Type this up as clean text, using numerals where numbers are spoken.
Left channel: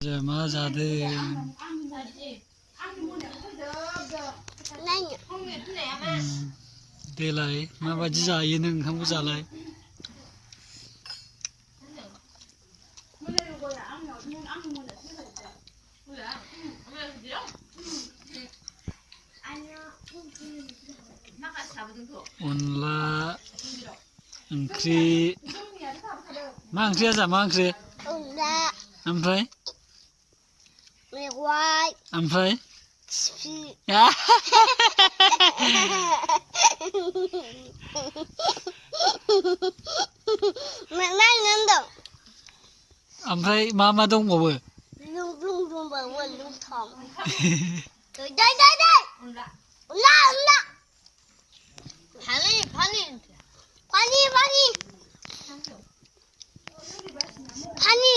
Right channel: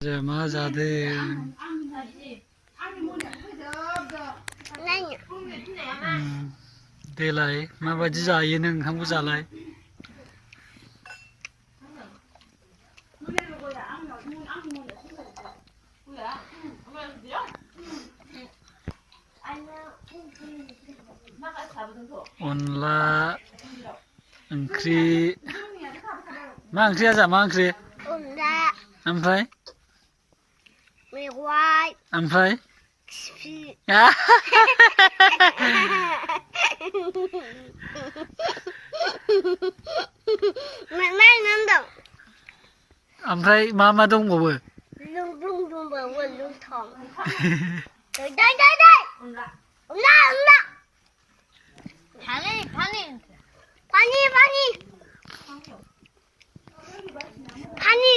मा जादों देलाय माबायदि जायो नों ओंखामखौ जालाय अनला ओंख्रि मा ओंख्रि आजा मा ओंख्रि अनला ओमफ्राय मेवाइ ओमफ्राय खिफि मा नोंदों ओमफ्राय मा दंबावो लुं दंबावो लुंथं दै अनला 파니